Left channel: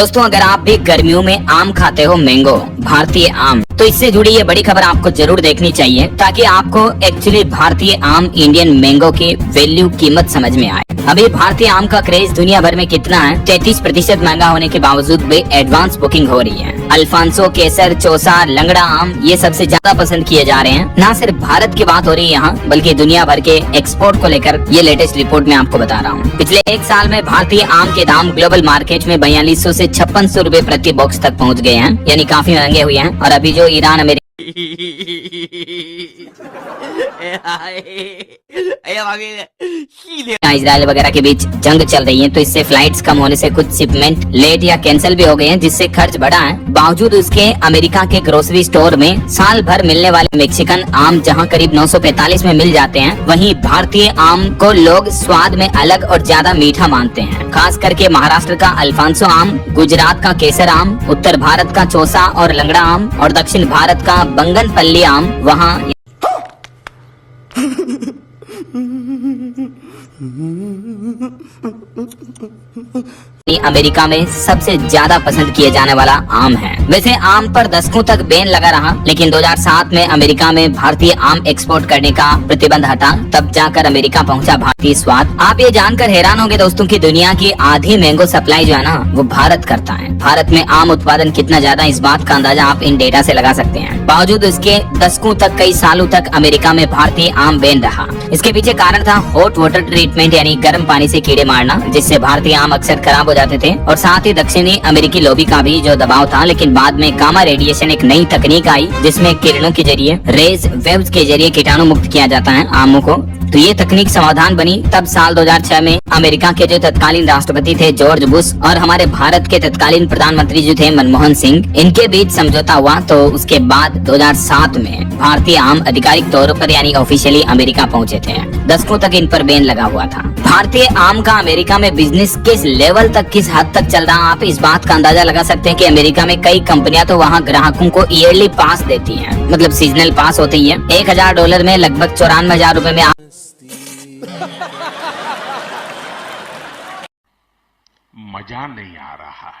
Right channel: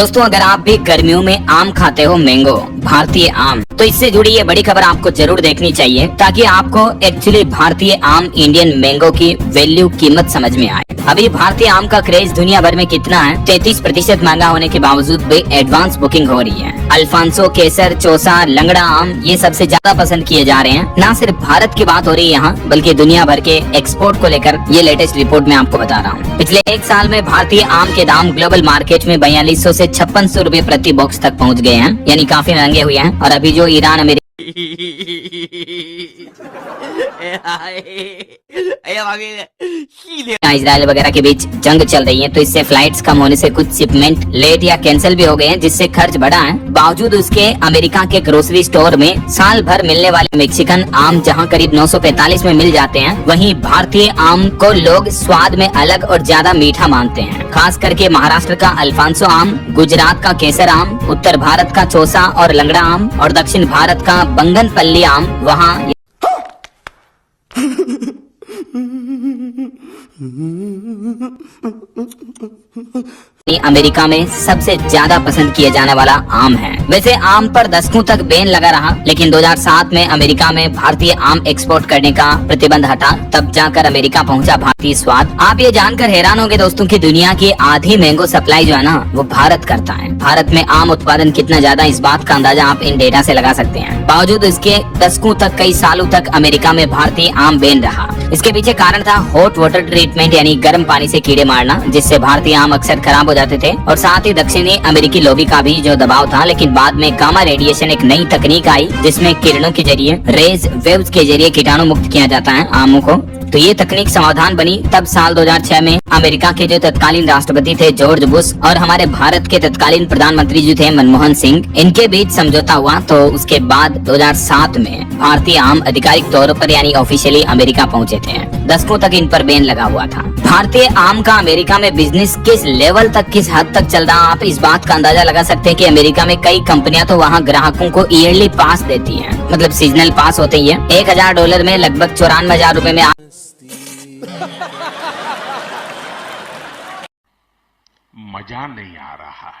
दोस्तों अगर आप भी गर्मियों में आम खाते हो, मैंगो भारतीय आम, तो इससे जुड़ी ये बड़ी खबर आपको जरूर देखनी चाहिए ताकि आपको एक्चुअली भारतीय आम इंडियन मैंगो की वैल्यू कीमत समझ में आए। अभी भारतीय आम का क्रेज दुनिया भर में कितना है? 33% महंगा होने के बावजूद भी एडवांस बुकिंग हो रही है। अल्फांसो, केसर, चौसा, लंगड़ा आम ये सबसे ज्यादा पसंद किए जा रहे हैं। न सिर्फ भारत की बात हो रही है यहाँ, बल्कि दुनिया भर के एक्सपोर्ट को लेकर ये लेटेस्ट रिपोर्ट में आपको बता रहा हूँ। पिछले एक साल में भारतीय आम के दाम ग्लोबल मार्केट में 4200 से 5600 रुपए प्रति बॉक्स तक पहुँच गए हैं, यानी काफी महंगे हुए हैं। और अभी जो ईरान अमेरिका इजराइल वगैरह के बीच जंग चल रही है, तो इससे फ्लाइट्स कम होने से कुछ शिपमेंट लेट या कैंसिल भी हो गए हैं, जिससे खर्च बढ़ा है। बावजूद उसके अमेरिका के ग्रोसरी स्टोर में साल भर मिलने वाले मेक्सिकन आम जहां करीब 945 में मिल जाते हैं, वहीं भारतीय आम को लोग स्वाद में अलग और ज्यादा मीठा मानते हैं। खास करके महाराष्ट्र का अल्फांसो आम, गुजरात का केसर आम, उत्तर भारत का चौसा और लंगड़ा आम और दक्षिण भारत का बंगनपल्ली आम वहाँ अमेरिका में सबसे ज्यादा पसंद किए जाने वाला आम है। वैसे आम पर दशकों तक बैन लगा रहा, लेकिन 2007 में अमेरिका में भारतीय आम एक्सपोर्ट करने का प्रतिबंध हटा, तब जाकर अमेरिका पहुंचा भारतीय स्वाद। आप ये जानकर हैरान होंगे दोस्तों कि दुनिया की आधी मैंगो सप्लाई जो है ना, वो भारत करता है। भारत में आम उत्पादन कितना ज्यादा, इस बात का अंदाजा आप इन डेटा से लगा सकते हैं। बावजूद इसके दशकों तक, कई सालों तक अमेरिका में भारतीय आम बैन रहा। इसके पीछे कारण था हॉट वाटर ट्रीटमेंट, यानी गर्म पानी से कीड़े मारना, जिससे भारतीय आम अक्सर खराब हो जाते थे। और साथ ही दक्षिणी अमेरिकी लॉबी का भी जो दबाव था। लेकिन बाद में गामा रेडिएशन एक नई तकनीक आई, जिसमें किरणों के जरिए, रेज वेव्स के जरिए कीटाणु मुक्त किया जाता है आमों को। तो ये तकनीक समाधान बनी। तब साल 2006 में अमेरिका के जो तत्कालीन राष्ट्रपति थे जॉर्ज बुश और हमारे भारत के तत्कालीन प्रधानमंत्री जो थे मनमोहन सिंह, इनके बीच समझौता हुआ। तो उसके बाद 2007 में भारतीय आम आधिकारिक तौर पर यानी ऑफिशियली अमेरिका पहुंचे थे। दशकों तक इन पर बैन लगा हुआ था। भारतीय आम का अमेरिका में बिजनेस किस लेवल तक, किस हद तक चल रहा, आप इस बात का अंदाजा लगा सकते हैं कि अमेरिका में कई कंपनियां तो वहां ग्राहकों को ईयरली पास देती हैं, मतलब सीजनल पास होते ही है। $1000 में लगभग 94,000 रुपए में मजा नहीं आ रहा है।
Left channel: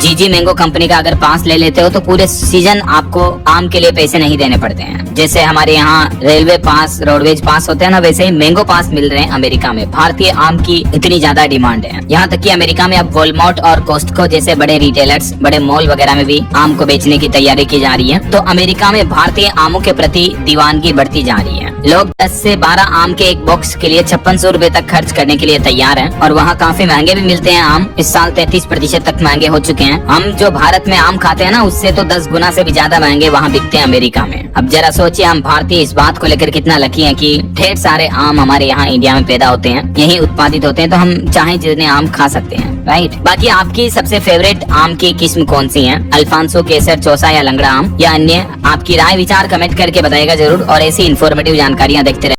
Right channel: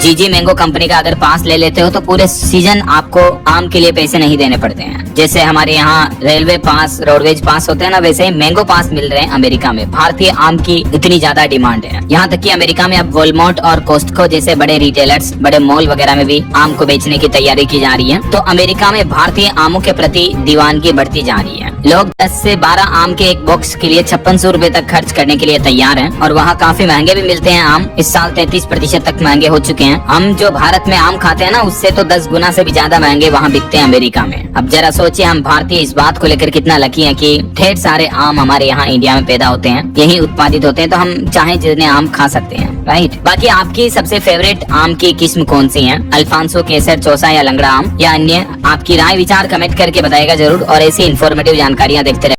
जीजी मैंगो कंपनी का अगर पास ले लेते हो तो पूरे सीजन आपको आम के लिए पैसे नहीं देने पड़ते हैं। जैसे हमारे यहाँ रेलवे पास, रोडवेज पास होते हैं ना, वैसे ही मैंगो पास मिल रहे हैं अमेरिका में। भारतीय आम की इतनी ज्यादा डिमांड है, यहाँ तक कि अमेरिका में अब वॉलमार्ट और कॉस्टको जैसे बड़े रिटेलर्स, बड़े मॉल वगैरह में भी आम को बेचने की तैयारी की जा रही है। तो अमेरिका में भारतीय आमों के प्रति दीवानगी बढ़ती जा रही है। लोग 10 से 12 आम के एक बॉक्स के लिए 5600 रुपए तक खर्च करने के लिए तैयार हैं। और वहाँ काफी महंगे भी मिलते हैं आम। इस साल 33% तक महंगे हो चुके हैं। हम जो भारत में आम खाते हैं ना, उससे तो 10 गुना से भी ज्यादा महंगे वहाँ बिकते हैं अमेरिका में। अब जरा सोचिए हम भारतीय इस बात को लेकर कितना लकी हैं कि ढेर सारे आम हमारे यहाँ इंडिया में पैदा होते हैं, यही उत्पादित होते हैं। तो हम चाहे जितने आम खा सकते हैं, राइट। बाकी आपकी सबसे फेवरेट आम की किस्म कौन सी है? अल्फांसो, केसर, चौसा या लंगड़ा आम या अन्य? आपकी राय विचार कमेंट करके बताएगा जरूर। और ऐसी इन्फॉर्मेटिव जानकारियाँ देखते रहे।